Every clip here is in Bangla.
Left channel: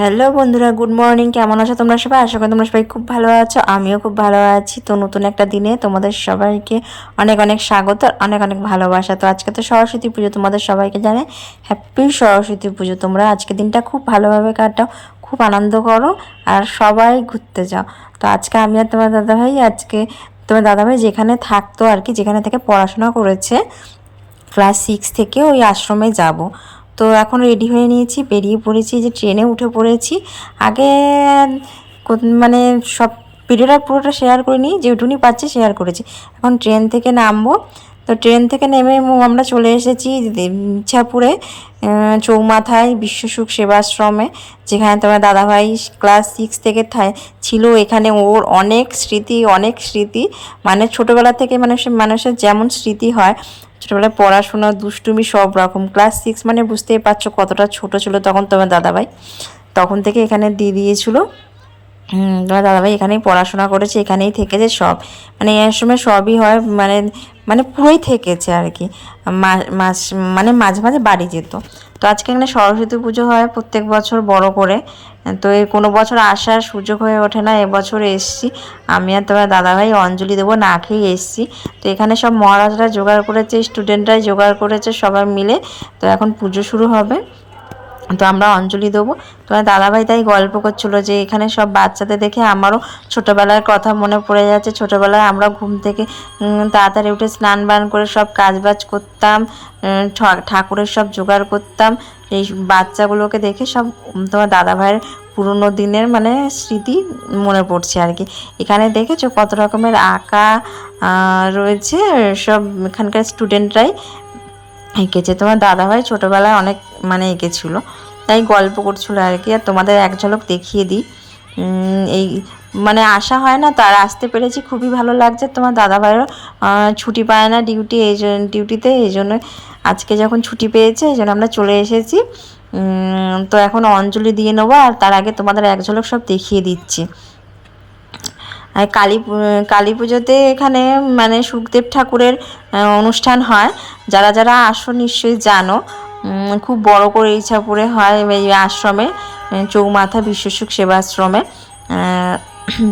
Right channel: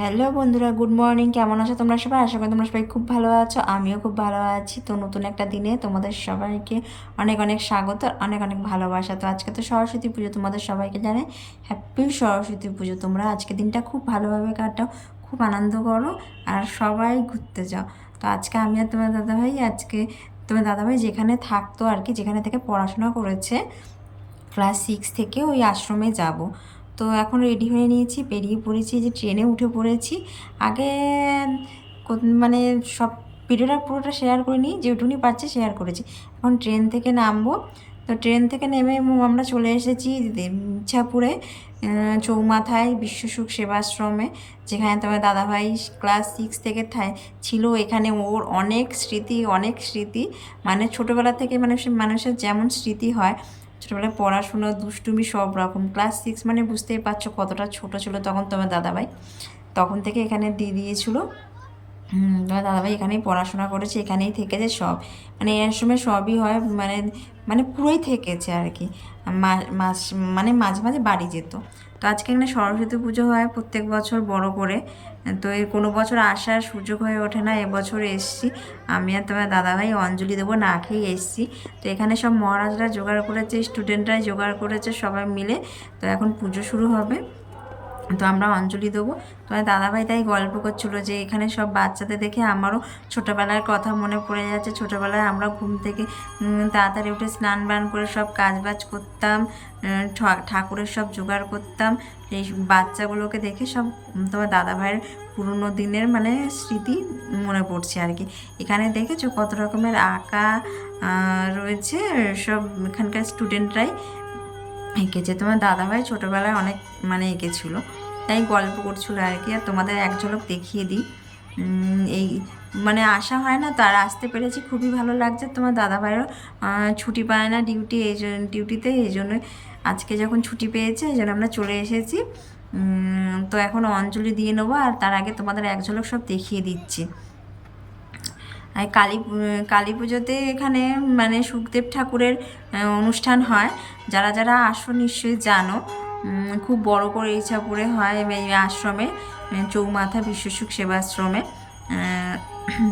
হ্যালো বন্ধুরা, গুড মর্নিং। কেমন আছো তোমরা সবাই? আশা করি তোমরা সবাই খুব ভালো আছো। আমিও খুব ভালো আছি। তো নতুন একটা দিনে তোমাদের সবাইকে অনেক অনেক স্বাগত আর অনেক অনেক ভালোবাসা। তো আজকে তো সরস্বতী পুজো, তোমাদের সবাইকে জানে হ্যাপি সরস্বতী পুজো। তোমরা আজকে দিনটা খুব ভালোভাবে কাটাও, খুব আনন্দ করো আর সবাই ঘুরতে যাও। তো আজকে আমি আর তোমার দাদাভাই আজকে, তোমার দাদাভাই যেখানে থাকতো আর কি, যেখানে থেকে পড়াশোনা করেছে, ক্লাস সিক্স থেকে ওই আশ্রমে যাব। তো এখন রেডি হয়ে নিয়েছি। বেরিয়ে পড়েছি যে ট্রেনে উঠে পড়েছি। আগে মানে সব ভিডিওটা পুরোটা শেয়ার করিনি, যেটুকুনি পাচ্ছি শেয়ার করেছি। এখন ট্রেন থেকে নামবো। তো ট্রেন থেকে নেমে আমরা চলে এসেছি ইচ্ছাপুরে চৌমাথায় বিশ্বসুখ সেবাশ্রমে, যেখানে তোমার দাদাভাই ক্লাস সিক্স থেকে ছিল। এখানে ওর অনেক স্মৃতি অনেক স্মৃতি। মানে ছোটোবেলা থেকে মানুষের মানুষের যেমন স্মৃতি হয় ছোটোবেলায় পড়াশোনা, দুষ্টুমি, সব রকম। ক্লাস সিক্স মানে বুঝতেই পারছ কতটা ছোট ছিল তখন তোমার দাদাভাই। তখন থেকে এখানে দিয়ে দিয়েছিলো তোমার দাদাভাই এখানেই পড়াশোনা করেছে, এখানেই থেকেছে সব। মানে এই সময় সবই হয় মানে মানে পুরোই থেকেছে আর কি। মাস মানে মাঝে মাঝে বাড়ি যেত। তো আজকে এখানে সরস্বতী পুজো হয় প্রত্যেক বছর বড় করে। তো এই কোনো বছর আসার সুযোগ হয়ে ওঠে না এবছর এসছি। আমি আর তোমার দাদাভাই অঞ্জলি দেবো, না খেয়ে এসছি। তো এখানে সব মহারাজরা জোগাড় করেছে স্টুডেন্টরাই জোগাড় করেছে সবাই মিলে। তো এখন পুজো শুরু হবে। তো আমরা অঞ্জলি দেবো। তোমার দাদাভাই তাই গল্প করছিল যে এখানে সব বাচ্চাদের দেখে আমারও ছোটোবেলার কথা মনে পড়ে যাচ্ছে। ছোটোবেলায় আমরা ঘুম থেকে তাড়াতাড়ি উঠে স্নান বান করে সব কাজবাজ করতাম। ঠাকুরের সব জোগাড় করতাম। এই বাচ্চাগুলোকে দেখে সব তোমার দাদাভাইয়ের পুরোনো দিনের মানে স্মৃতি মনে পড়ছে আর কি। এখানে দেখেছ কত রকমের আঁকা রয়েছে, সব এখানকার স্টুডেন্টরাই এঁকেছে। তোমার দাদাভাই ছোটোবেলায় অনেক মানে এঁকেছিল। তাই গল্প করছিল আর কি। আর তোমাদের এক ঝলক দেখিয়ে দিই। এই মানে আসা হয় না, তার আসতে পেরেছি। খুবই ভালো লাগছে। তোমার দাদাভাইয়েরও ছুটি পায় না ডিউটি এই ডিউটিতে এই জন্য আজকে যখন ছুটি পেয়েছে, এই জন্য আমরা চলে এসেছি। তো এখন অঞ্জলি দিয়ে নেব, আর তার আগে তোমাদের এক ঝলক সব দেখিয়ে দিচ্ছি। আর কালী কালী পুজোতে এখানে মানে সুখদেব ঠাকুরের অনুষ্ঠান হয়। যারা যারা আসো নিশ্চয়ই জানো। খুব বড় করে ইচ্ছাপুরে হয় এই আশ্রমে, চৌমাথা বিশ্বসুখ সেবাশ্রমে।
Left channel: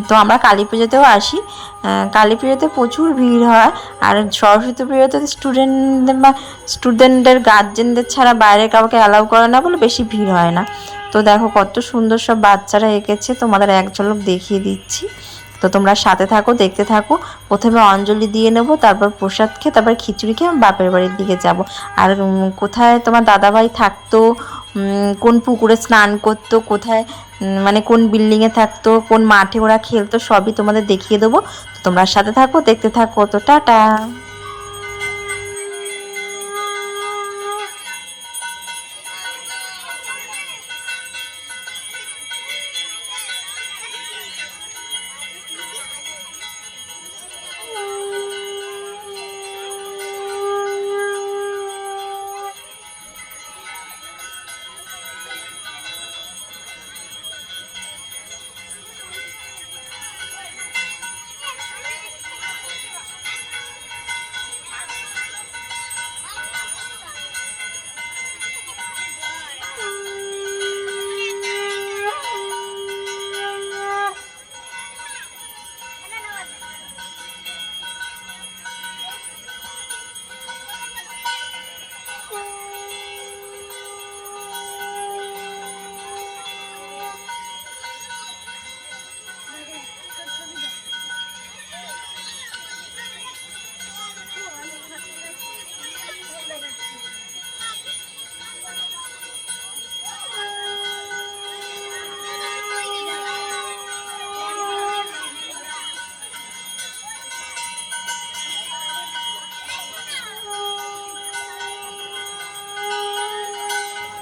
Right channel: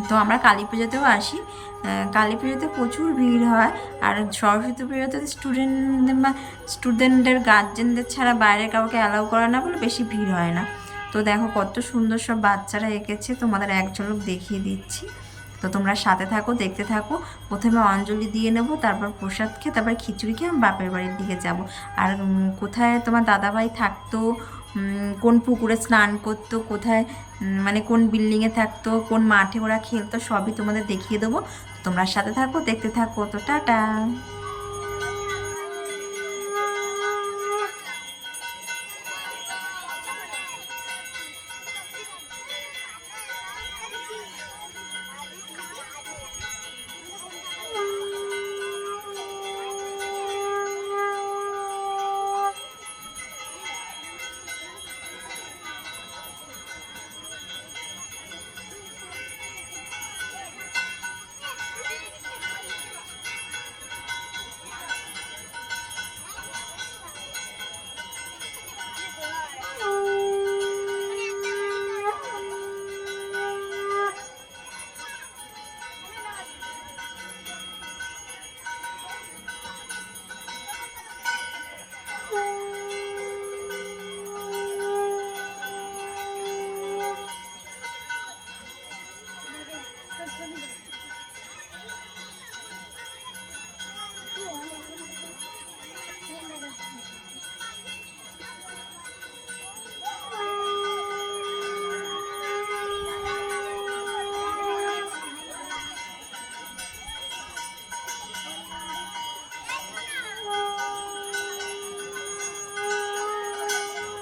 তো আমরা কালী পুজোতেও আসি। কালী পুজোতে প্রচুর ভিড় হয়। আর সরস্বতী পুজোতে স্টুডেন্টদের বা স্টুডেন্টদের গার্জেনদের ছাড়া বাইরে কাউকে অ্যালাউ করে না বলে বেশি ভিড় হয় না। তো দেখো কত সুন্দর সব বাচ্চারা এঁকেছে। তোমাদের এক ঝলক দেখিয়ে দিচ্ছি। তো তোমরা সাথে থাকো, দেখতে থাকো। প্রথমে অঞ্জলি দিয়ে নেব, তারপর প্রসাদ খেয়ে, তারপর খিচুড়ি খেয়ে আমি বাপের বাড়ির দিকে যাব। আর কোথায় তোমার দাদাভাই থাকতো কোন পুকুরে স্নান করতো, কোথায় মানে কোন বিল্ডিংয়ে থাকতো, কোন মাঠে ওরা খেলতো, সবই তোমাদের দেখিয়ে দেবো। তোমরা সাথে থাকো, দেখতে থাকো, তো টাটা।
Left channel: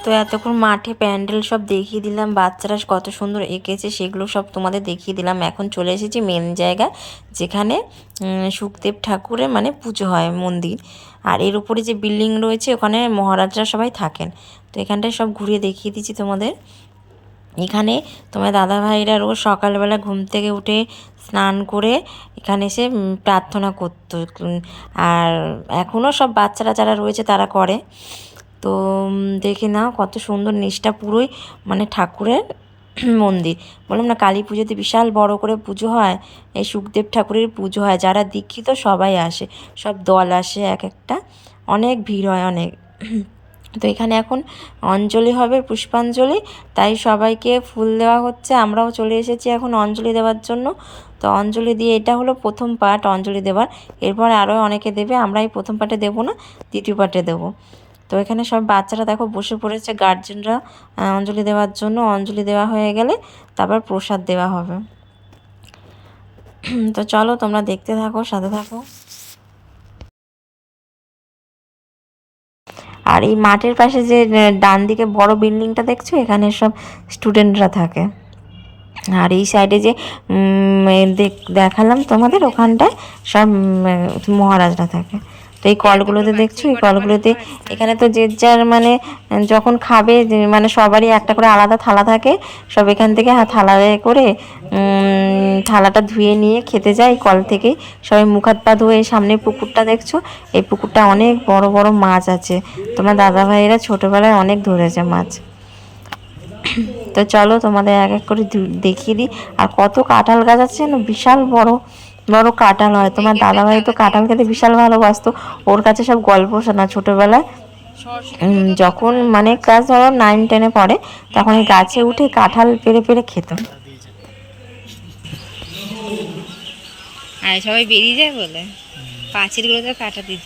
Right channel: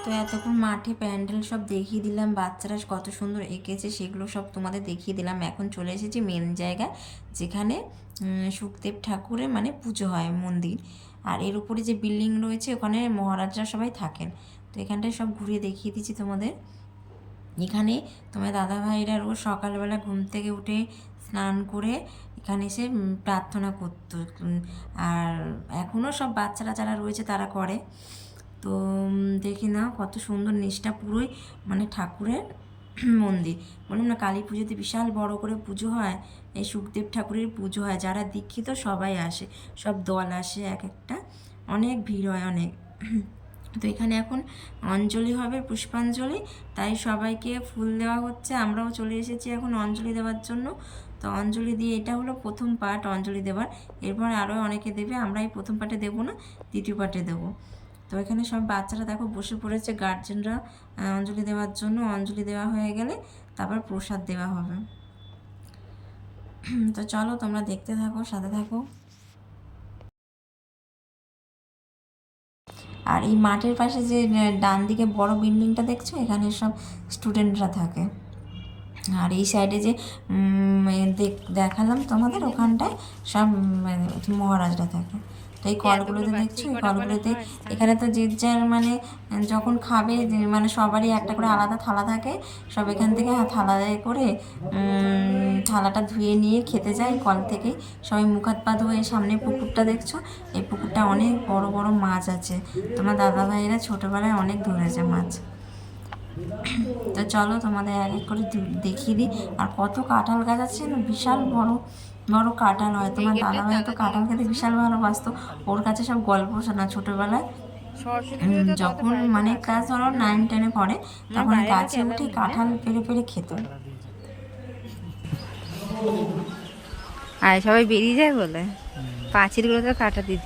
তো এতক্ষণ মাঠে প্যান্ডেল সব দেখিয়ে দিলাম, বাচ্চারা কত সুন্দর এঁকেছে, সেগুলো সব তোমাদের দেখিয়ে দিলাম। এখন চলে এসেছি মেন জায়গা, যেখানে সুখদেব ঠাকুরের মানে পুজো হয় মন্দির। আর এর উপরে যে বিল্ডিং রয়েছে, ওখানে মহারাজরা সবাই থাকেন। তো এখানটায় সব ঘুরিয়ে দেখিয়ে দিচ্ছি তোমাদের। এখানে তোমার দাদা ভাইরা রোজ সকালবেলা ঘুম থেকে উঠে স্নান করে এখানে এসে প্রার্থনা করতো। আর এখনও সব বাচ্চারা যারা রয়েছে, তারা করে। তো দেখে নাও কত সুন্দর নিচটা পুরোই মানে ঠাকুরের মন্দির। বললাম না, কালী পুজোতে বিশাল বড় করে পুজো হয়, এই সুখদেব ঠাকুরের পুজো হয়, যারা দীক্ষিত সবাই আসে, সব দল আসে, এক একটা। অনেক ভিড় হয়, অনেক। তো এখানে এখন অঞ্জলি হবে, পুষ্পাঞ্জলি, তাই সবাইকে ফুল দেওয়া হচ্ছে, আমরাও চলে এসেছি এখন অঞ্জলি দেওয়ার জন্য। তো অঞ্জলি দিয়ে এটা হলো প্রথম পার্ট অঞ্জলি দেওয়ার। এরপর আরও অনেকে দেবে আমরা এই প্রথম পার্টে দেবো না, দ্বিতীয় পার্টে দেবো। তো এখানে সব বাচ্চারা দেখো বসে পড়েছে গার্জেনরা অঞ্জলি দেওয়ার জন্য। অঞ্জলি দেওয়া হয়ে গেলে তারপর প্রসাদ দেওয়া হবে। তো চলো তোমরা দেখতে থাকো, সাথে থাকো। আর এই মাঠের পাশে যে ডান দিকে বড় বিল্ডিংটা দেখছ? এখানে সব স্টুডেন্টরা থাকে। আর এই সাইডে যে দেখ- দেখালাম তোমাদের, ওখানটায় সব মহারাজরা থাকে। তো এই কলগুলোতে দেখছ? এই কলগুলোতে এখানে তো যে যার মানে যখন খাবে মানে সবারই একটা করে আলাদা থালা থাকে, সব এখান থেকে থালায় করে থালাটা ধুয়ে নিয়ে খেতে যায় কল থেকেই সবাই মুখ হাত পা ধুয়ে সামনে পুকুরটা দেখছ? এই পুকুরটা অনেক বড় বড় মাছ আছে। তোমার দাদা ভাইয়েরা ছোটোবেলায় অনেক ধরেছে মাছ। তো চলো তোমাদের এক এক করে দেখিয়ে দিই। আর কত কাঁঠাল গাছ আছে না? বিশাল বড়। বড় কাঁঠাল হয় তোমার দাদাভাই তো কাঁঠাল? খেতে বিশাল ভালোবাসতো। ওর কাছে সব গল্প শোনা ছোটবেলায়। যখন মানে ক্লাস ধরো নাইন টেনে পড়ে তখন এই গাছে উঠে কাঁঠাল পেরে পেরে খেত। আর সবাই বেরিয়ে যায় বলে? পাঁচিলগুলো তো কাটা দিয়ে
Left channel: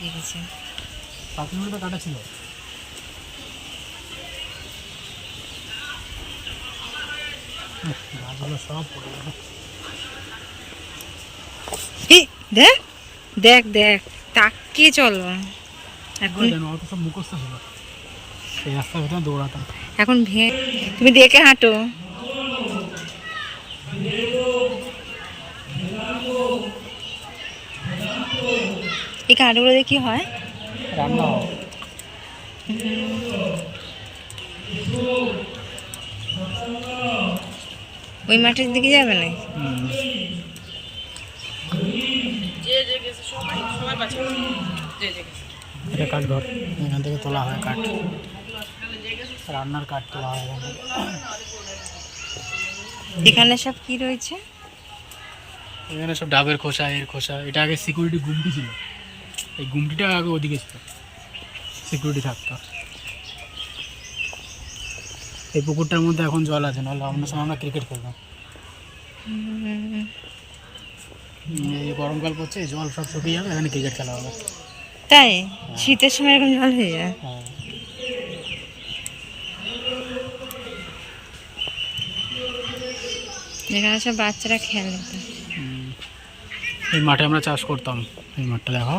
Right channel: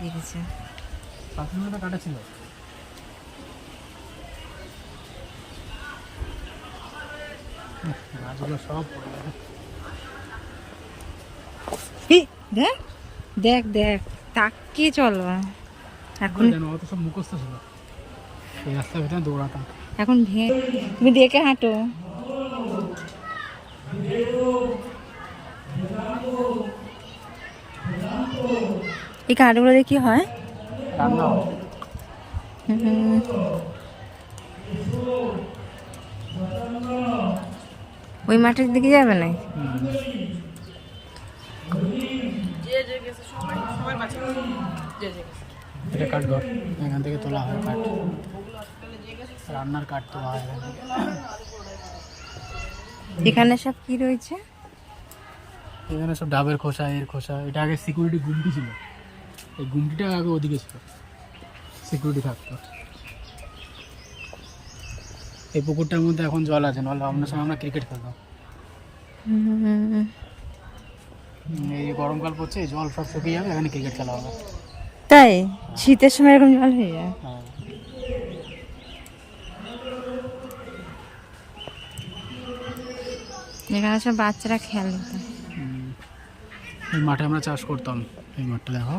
সব এই, দেখ দেখ দেখ তাকে চলো। এখন এখন ভে তুমি দেখে হাঁটো। এই কাঠগুলো দিয়ে কি হয়? রান্না হয়। ওই মাঠের দিকে যাবে না হুম। এটা কাঠ ঘর এখান থেকে তোলা হয় কাঠ। রান্নার কাঠ তোলা হয় এখানে। সব কি রয়েছে? এখানে সব ডাবের খোসা এর খোসা। এটা আগে সিকিউরিটি গুমটি ছিল। এই গুমটিটা আগে ওদিকে ছিল। সিকিউরিটি থাকতো। এই পুকুরটার মধ্যে এখন জল আছে নাহলে অন্য সময় আমরা ক্রিকেট খেলতাম। এই গরমকাল পড়ছে জল সব শুকিয়ে যাবে এখানে ক্রিকেট খেলা হবে। তাই? শীতের সময় এরকম জল হয়ে যায়? হ্যাঁ। এখানে সব বাচ্চারা খেলে তো। এই মাঠে আমরা চাষ করতাম এই মাঠটা দেখো।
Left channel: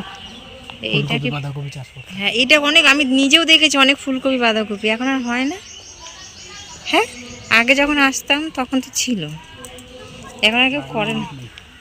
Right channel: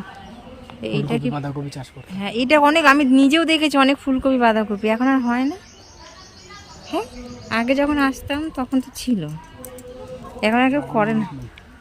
এইটা কি বাঁধাকপি চাষ করতাম। হ্যাঁ এটা অনেক আমি নিজেও দেখেছি অনেক ফুলকপি বাঁধাকপি এখন আর হয় না। হ্যাঁ আগে যখন আসতাম তখন তো ছিল। এখন আর কেউ করে না।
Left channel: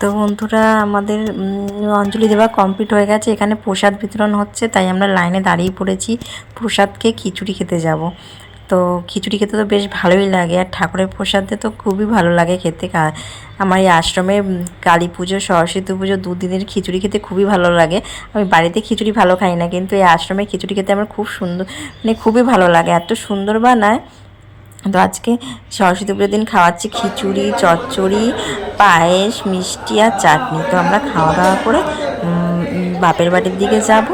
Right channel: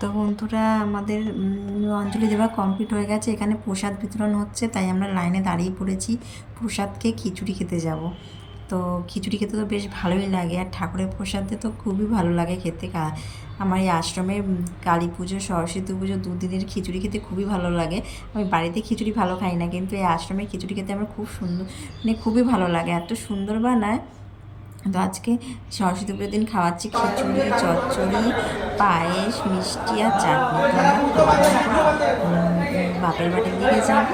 তো বন্ধুরা, আমাদের অঞ্জলি দেওয়া কমপ্লিট হয়ে গেছে। এখানে প্রসাদ বিতরণ হচ্ছে, তাই আমরা লাইনে দাঁড়িয়ে পড়েছি। প্রসাদকে খিচুড়ি খেতে যাব। তো খিচুড়ি খেতে তো বেশ ভালোই লাগে, আর ঠাকুরের প্রসাদে তো খুবই ভালো লাগে খেতে। আমার এই আশ্রমে কালী পুজো, সরস্বতী পুজো দুদিনের খিচুড়ি খেতে খুবই ভালো লাগে। আমি বাড়িতে খিচুড়ি ভালো খাই না, কিন্তু এই আশ্রমে খিচুড়ি খেতে আমার খুব সুন্দর মানে খুবই ভালো লাগে। এত সুন্দর বানায় তো আজকে সরস্বতী পুজোর দিন খাওয়াচ্ছি খিচুড়ি, চচ্চড়ি, পায়েস, মিষ্টি আর চাটনি। তো আমরা খাওয়া দাওয়া করে বাপের বাড়ির দিকে যাব।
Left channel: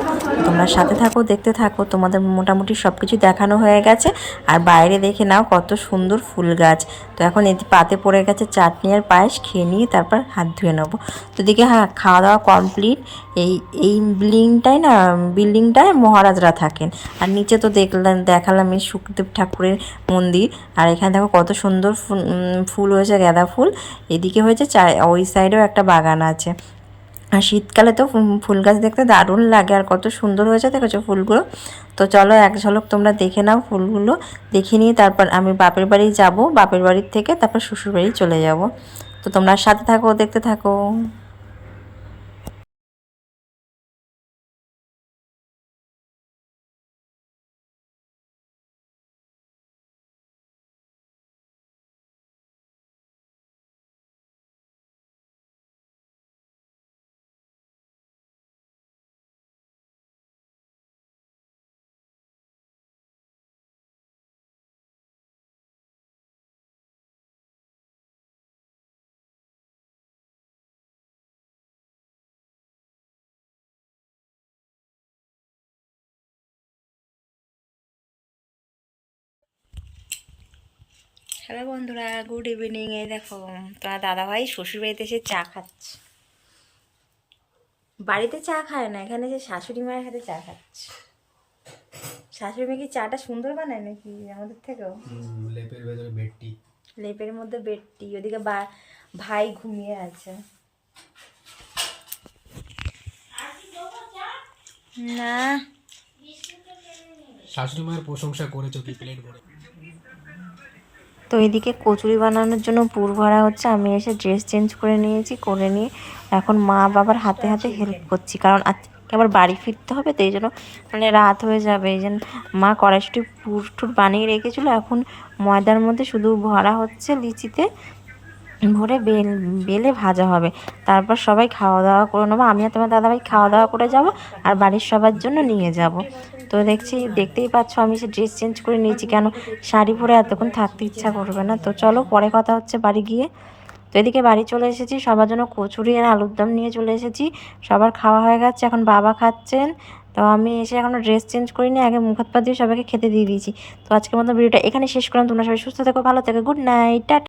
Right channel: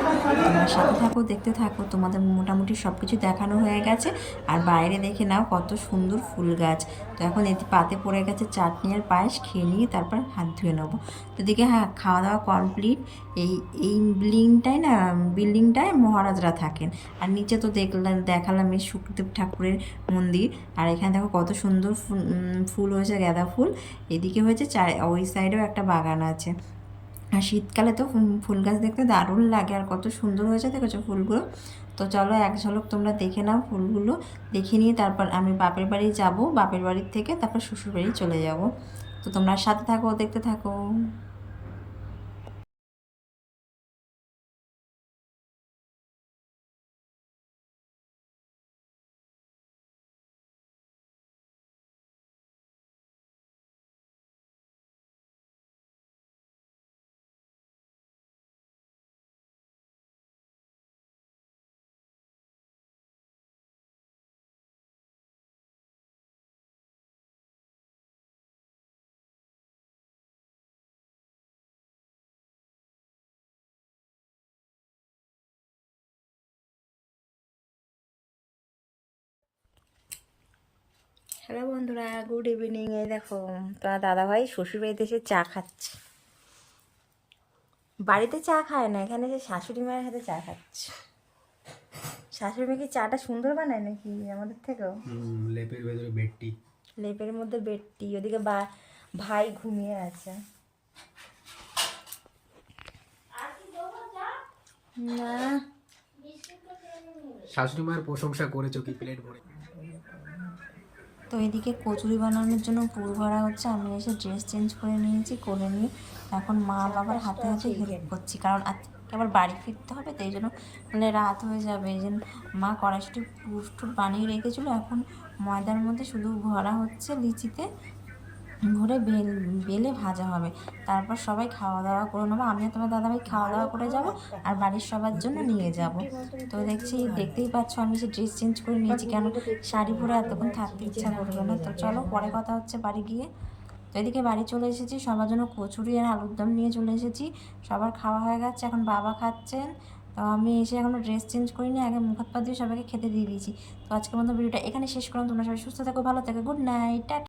তোমরা সাথে থাকো, দেখতে থাকো। তোমাদের মোটামুটি সব কিছু দেখানো হয়ে গেছে। আর বাইরে দেখে নাও কত সুন্দর ফুল গাছ। তো এখন এতে পাতে পড়ে গেছে চাটনি আর পায়েস, খেয়ে নিয়ে তারপর হাত ধুয়ে নেব। তো দিকে হ্যাঁ খাওয়া দাওয়া কমপ্লিট এই এই বিল্ডিংটায় না বিল্ডিংটায় মহারাজরা থাকেন। আর নিচে তো দেখলাম, দেখালাম এই সুখদেব ঠাকুরের মন্দির। আর এখানে দেখো কত সুন্দর ফুল হয়েছে গাঁদা ফুল। এদিকে হয়েছে চা, ওই সাইডেও একটা বাগান আছে। আর শীতকালে তো ফুল- গাছ দেখতে দারুণ লাগে, আর কত সুন্দর হয়েছে দেখেছ ফুলগুলো। তো চলো এক ঝলক তোমরা দেখে নাও ফুলগুলো, দেখে নিয়ে তারপর আমি বাপের বাড়ি যাব, বাপের বাড়ির থেকে তারপর শ্বশুর বাড়ি চলে যাব। তো তোমরা সাথে থাকো, দেখতে থাকো। হ্যালো বন্ধুরা গুড ইভিনিং। এই দেখো তোমার দাদাভাই শ্বশুর বাড়িতে এসে চা খাচ্ছে। বাড়িতে চা খায় না এখানে যে শাশুড়ি মায়ের হাতে চা খাচ্ছে। শাশুড়ি মেয়ে কি চাটা সুন্দর বানায় নাকি আমাদের থেকেও? লেপের ভেতরে বেডটি লেপের মধ্যে বেডটি ওদিকে বা ভাই ঘুমিয়ে আছে। না। শাশুড়ি মায়ের প্রশংসা করেছ কি প্লেট ভরে তো এদিকে কচুরি বানানোর জন্য পুর ভরা হচ্ছে। আমি এসে ড্রেস চেঞ্জ করে নিয়েছি, করে নিয়ে এখন মা বাবার হাতে হাতে হেল্প করছি। কারণ আজকে আবার বাড়ি ফিরতে হবে, তো এই জন্য মানে রাত হয়ে যাবে। এই জন্য মা কড়াইশুটি পুর টুর বানিয়ে রেখেছিলো। এখন ময়দার মধ্যে শুধু ভরা হচ্ছে লিচিতে। ভরে বেল, বেলে ভাজা হবে। তারপর সবাই খাওয়া দাওয়া করে নেব। আমি আর তোমার দাদাভাই খাওয়া দাওয়া করে যাব আর বাড়ির সবার জন্য নিয়ে যাব। তো দেখছি, দেখতেই পাচ্ছ আমি সে ড্রেস চেঞ্জ করে নিয়েছি কেন? শাড়ি পরে এতক্ষণ থাকতে ইচ্ছা করবে না। তো চলো, পরে কথা হচ্ছে বাড়ি গিয়ে। তো এদিকে বাড়ি চলে এসেছি। সবার জন্য কচুরি আর আলুর দম নিয়ে চলে এসেছি। সবার খাওয়া হয়ে গেছে। এখন বাবা খাচ্ছেন। তো আমি এসে এখনও ড্রেস চেঞ্জ করিনি। আগে মুখ হাত পা দিয়ে সবাইকে খেতে দিয়ে দিয়েছি। তো আজকের মতো ভিডিওটা এখানে শেষ করলাম। তোমরা সবাই সুস্থ থেকো, ভালো থেকো। Good night tata.